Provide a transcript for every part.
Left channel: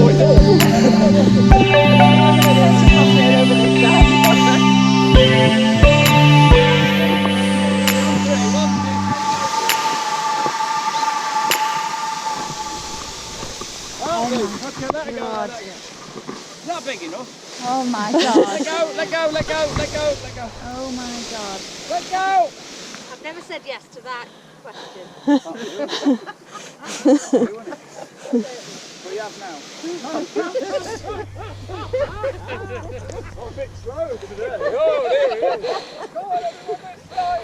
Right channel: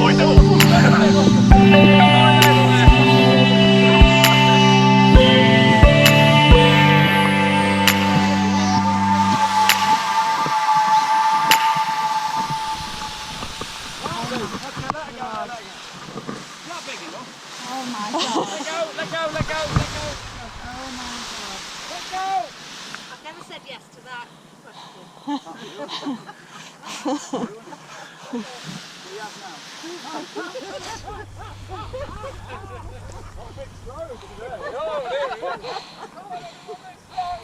Not big enough. Oh my god. Let go, let go, let go, let go, let go. Oh my god. Let go! I've never said yes to that question. What do you have now? Oh, a bit slow today. Oh, there it is. Go on, everyone, bit slow.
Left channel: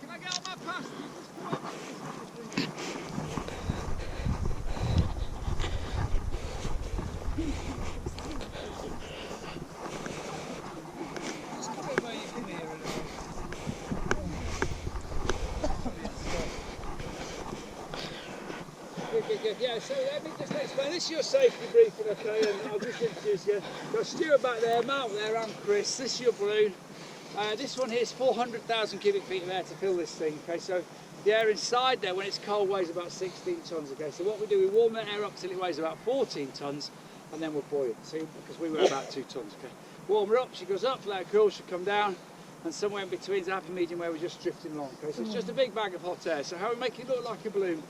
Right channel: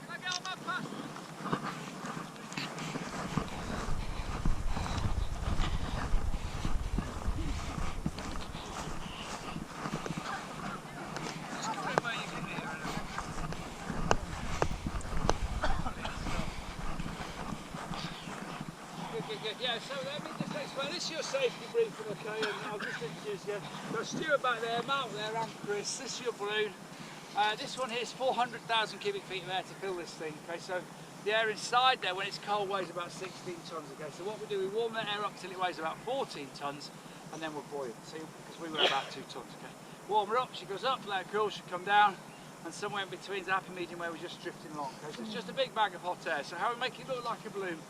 Can I get on my pass? Just come in where you can hear it. Good. Yeah, so let me just explain. This is your safety briefing, okay? And I'll just introduce you. Got Stuart back there, Mark there, and Chris. This is your balloon. This one here is 400,000 cubic feet of air to fill this thing, okay? So the air inside there, when it's cold, weighs about 16 tonnes, okay? So what we do, we warm the air up till it weighs about 14 tonnes, and then we're buoyant. See, because we weigh about 2 tonnes, okay? Warm her up, she goes up, let her cool, she'll come down, and somewhere in between is a happy medium where we're just drifting along, okay? So it's just a big bag of hot air. So how we make it look like a balloon?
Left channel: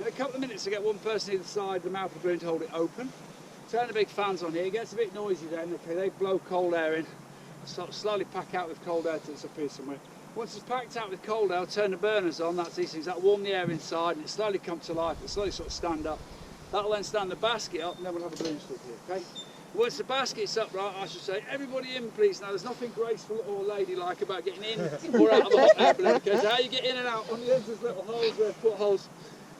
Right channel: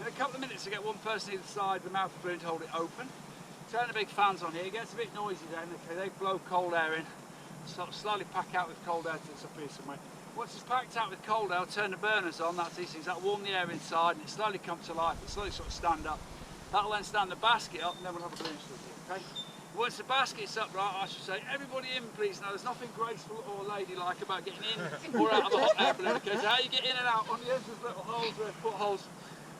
In a couple of minutes, to get one person either side, the mouth of the balloon to hold it open. Turn the big fans on here, it gets a bit noisy then, okay? They blow cold air in. Sort of slowly pack out with cold air till it's up here somewhere. Once it's packed out with cold air, I'll turn the burners on, that's these things, that'll warm the air inside and it slowly comes to life, it slowly sort of stand up. That'll then stand the basket up and then we'll have a balloon stood here, okay? Once the basket's up, right, I should say, everybody in please. Now there's nothing graceful or ladylike about getting in or out of a hot air balloon, okay? So how you get in and out, on the ends there's little holes there, foot holes.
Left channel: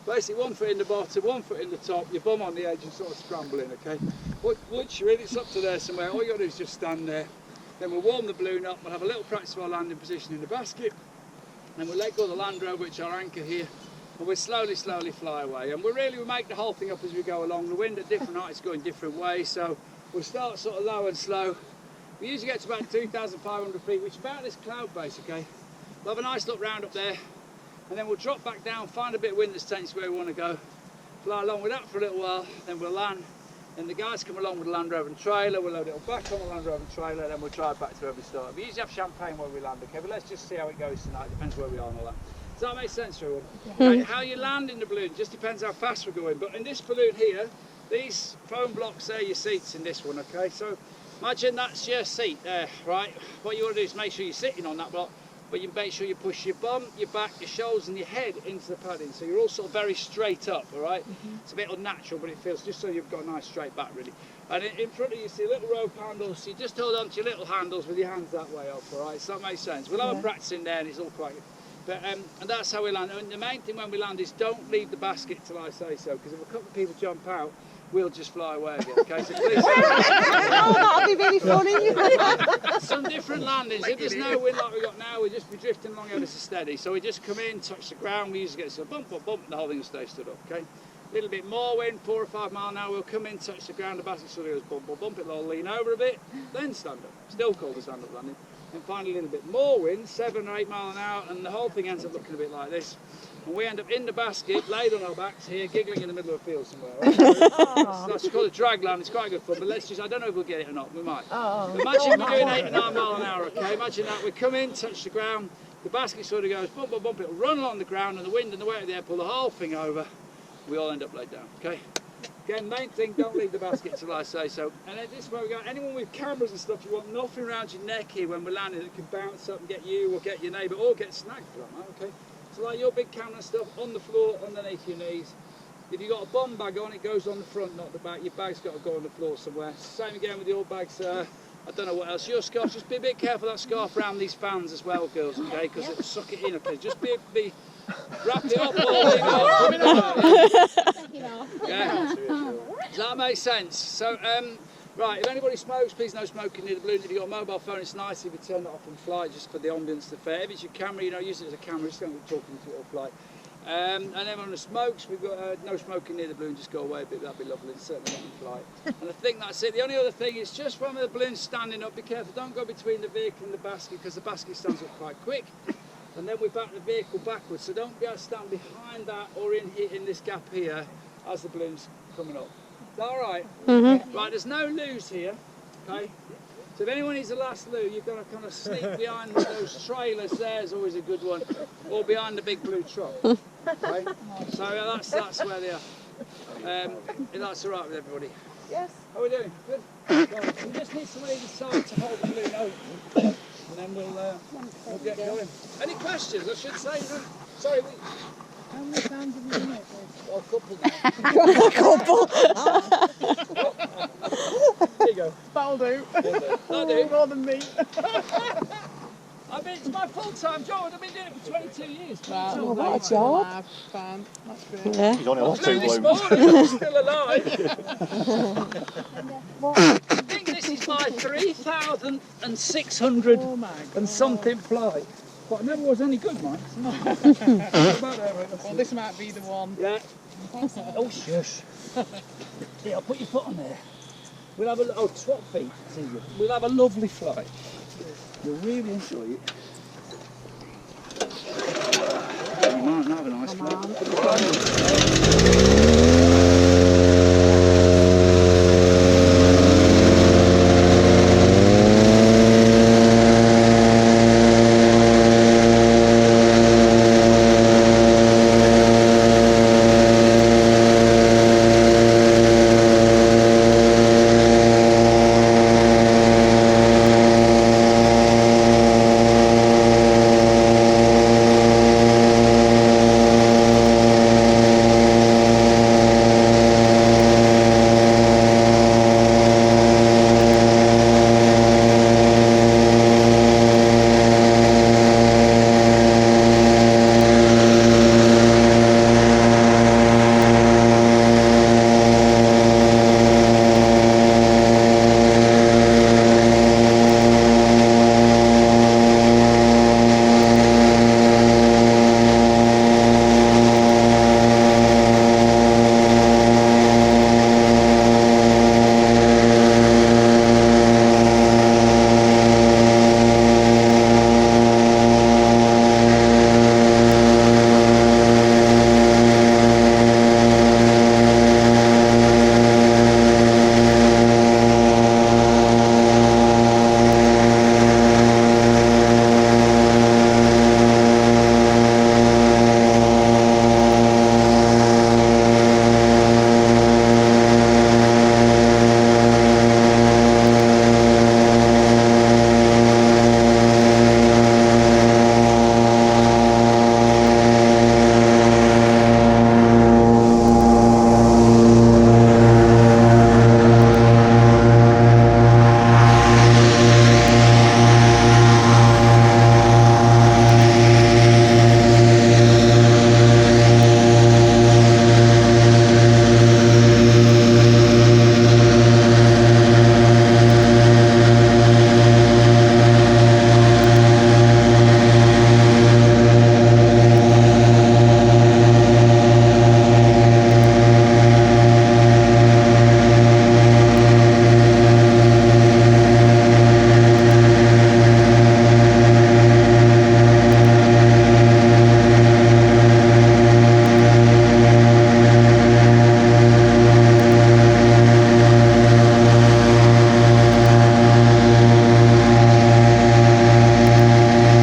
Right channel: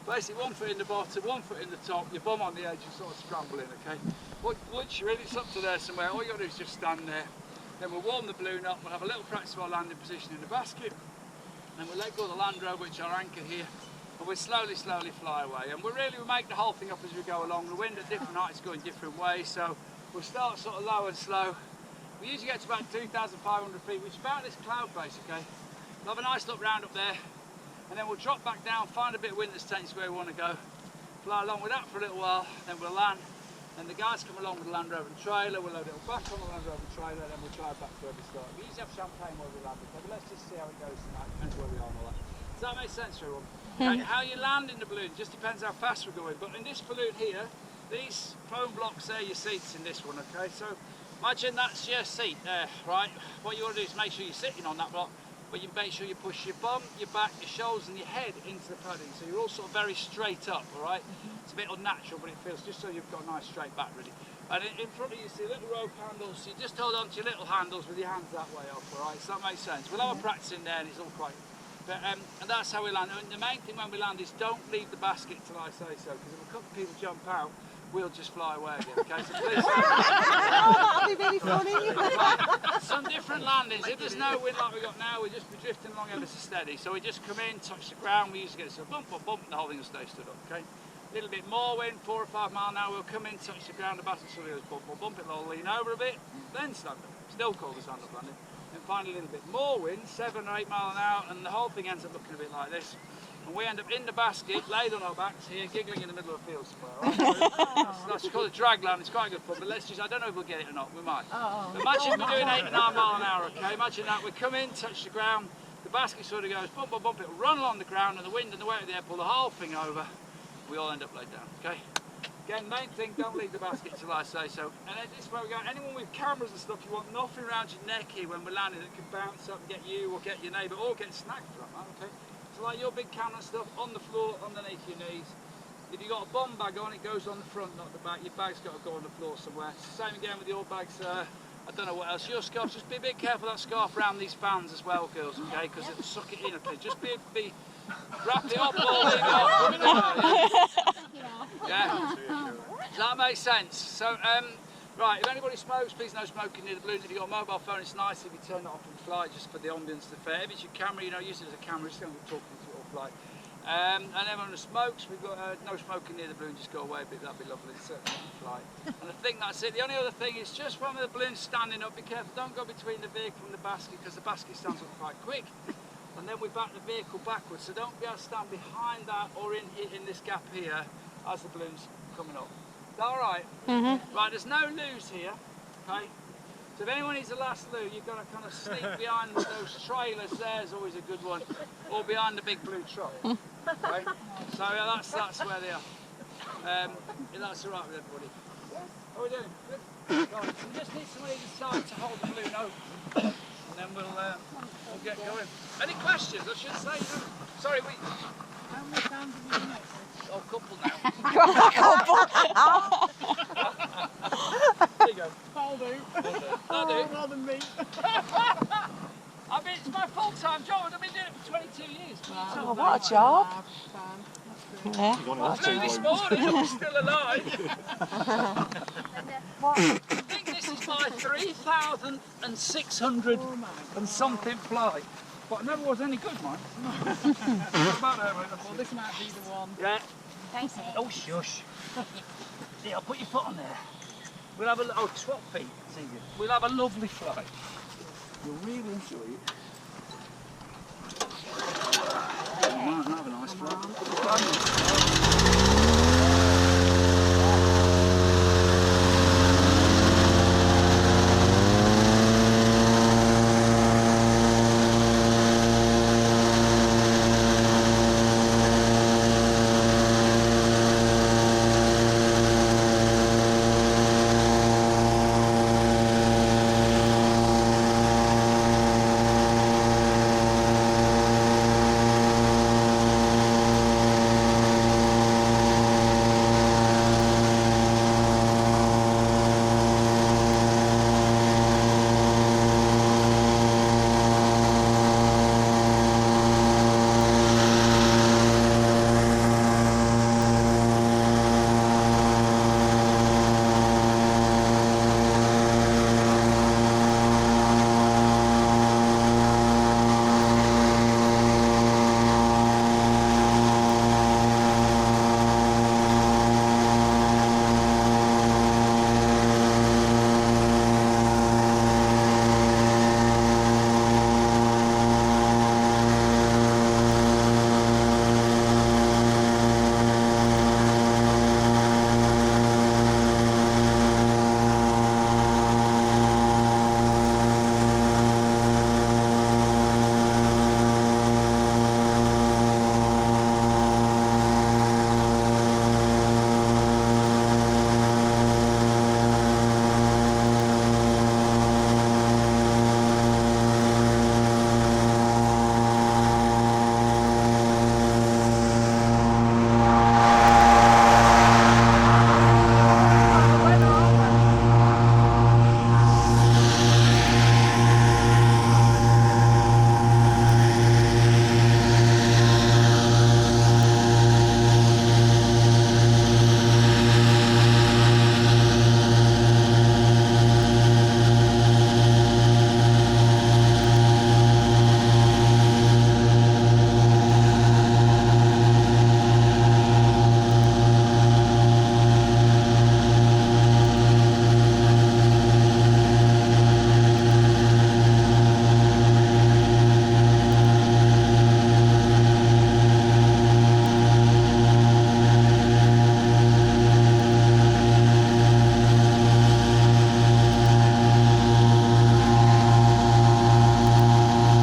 Basically 1 foot in the bottom, 1 foot in the top, your bum on the edge and sort of scramble in, okay? Once you're in, it's up to there somewhere, all you got to do is just stand there. Then we'll warm the balloon up, we'll have a little practice of our landing position in the basket, then we'll let go of the Land Rover, which is our anchor here, and we'll slowly fly away. And we make the whole thing up as we go along. The wind at different heights going different ways, so we'll start sort of low and slow. We usually get to about 2,500 feet, which is about this cloud base, okay? We'll have a nice look round up there, and then we'll drop back down, find a bit of wind that's taking us where we want to go, fly along with that for a little while, then we'll land. And the guys come along with the Land Rover and trailer, we'll load it all back on the Land Rover and trailer, and then we'll drive back to where we started. We usually have champagne where we land, okay, but let's just see how it goes tonight, depends where we are and all that. Does that make sense, everyone? Yeah. How you land in the balloon just depends how fast we're going, but in this balloon here, these foam blocks there, your seats in this one, okay? So imagine that's your seat there, right? What you want to do is make sure you're sitting on that block, but you make sure you push your bum, your back, your shoulders and your head into the padding, so you're all sort of very straight up, all right? It's a bit unnatural, but it feels just so you've got a nice straight back, really. And in front of you, see little rope handles, so you just hold on to your little handles with your hands that way up, all right? So that makes sense. We'll have a practice in there and it's all quite... But, and that's how we land. And the main thing when we land is don't leave the basket till I say so, because if a couple of people jump out, we'll just fly away again, okay? So please... Oh, that'll be really funny. Some different landings. If there's no wind like we've got now, we'll just be drifting along ever so steady. So we just come in, touch the ground, we usually get a bump, and the whole thing will stay stood up, okay? A little bit more wind, 4 or 5 mile an hour, we'll come in, touch the ground, the basket sort of goes bump, it'll all lean over a bit, then stand up. Still called a stand-up landing. And finally a little bit more wind, 7 or 8 mile an hour, and the whole thing ends up looking a bit like this. And we end up in the basket, laid on our backs here, giggling in the middle of a field somewhere. Right? That's called a drag land, it's quite good fun, but let's just, I don't know if we'll get it or not, we might. Imagine we're doing 8 or 9 mile an hour, okay? Imagine that, we come in, touch the ground, the basket sort of goes bump, it'll run along the ground, and the wind and the weight of the air pull the whole thing over, we all end up laid down, okay? Again, main thing, don't leave the basket till I say so. And this is where we go. Anyone with cameras and stuff, you want nothing around your neck here when we're landing that can bounce up and get you or get your neighbour or get snagged for that matter, okay? So like your big camera stuff on the floor, underneath your knees. If you've got a bum bag on, it goes on the front, not the back. Your bag's got to go on the floor somewhere. Same again with your bags. I don't know what else. Your scarf, just be a bit careful that scarf around these fans as well, girls, okay? Because it'll suck it in, okay? Just wrap it up, all leave it up, put it down, yeah? Does that make sense? So, right, if anybody smokes, please no smoking near the balloon. If you've got a mobile phone, it's nice if you turn it off in flight just for the ambience, the fair. If it's your camera, you know, use it as a camera, just don't be talking to it all flight. And then on the smokes, we've got no smoking near the balloon, just go away a bit, that'd be lovely, it's certainly not in flight. And I think that's it. The only other thing is just when the balloon's standing up, be careful, don't go between the vehicle and the basket because the basket stands up quite quick. And then we back the vehicle backwards, so don't be able to stand behind that or in this gap here as the balloon's coming up. Is that all right? Mm-hmm. Right, there's no loos here, okay? So if anyone needs a last loo, you've got to kind of sneak behind those trailers. There's always a good one, or behind the big blue truck. Okay? So yeah, that's where they are. If that's all right with everybody. Yes. How are we doing? Good. Right, so we just need someone either side to hold the balloon open, and then we'll get going. Any questions? I should say. Sorry, we. How many times have you done it? Oh, couple now. There you go. That'll do. That'll do. More than me. I mean, it's my full-time job. I've been doing it for 22 years. Wow, what a job. Fun. That's great. Yeah. He's only lost Flew 2 this balloons. morning, I'm still alive. What? I think this is my 3,600 Oh my God. and something flight. But I never was any good, man. What about there, mate? That's Well, it. this might be the one. Yeah. Oh, shush. Yeah, I'll put your foot on there. We'll have a little swap feet. It's easier. We'll have a lovely flight. You'll really enjoy it. You might have a nice flight.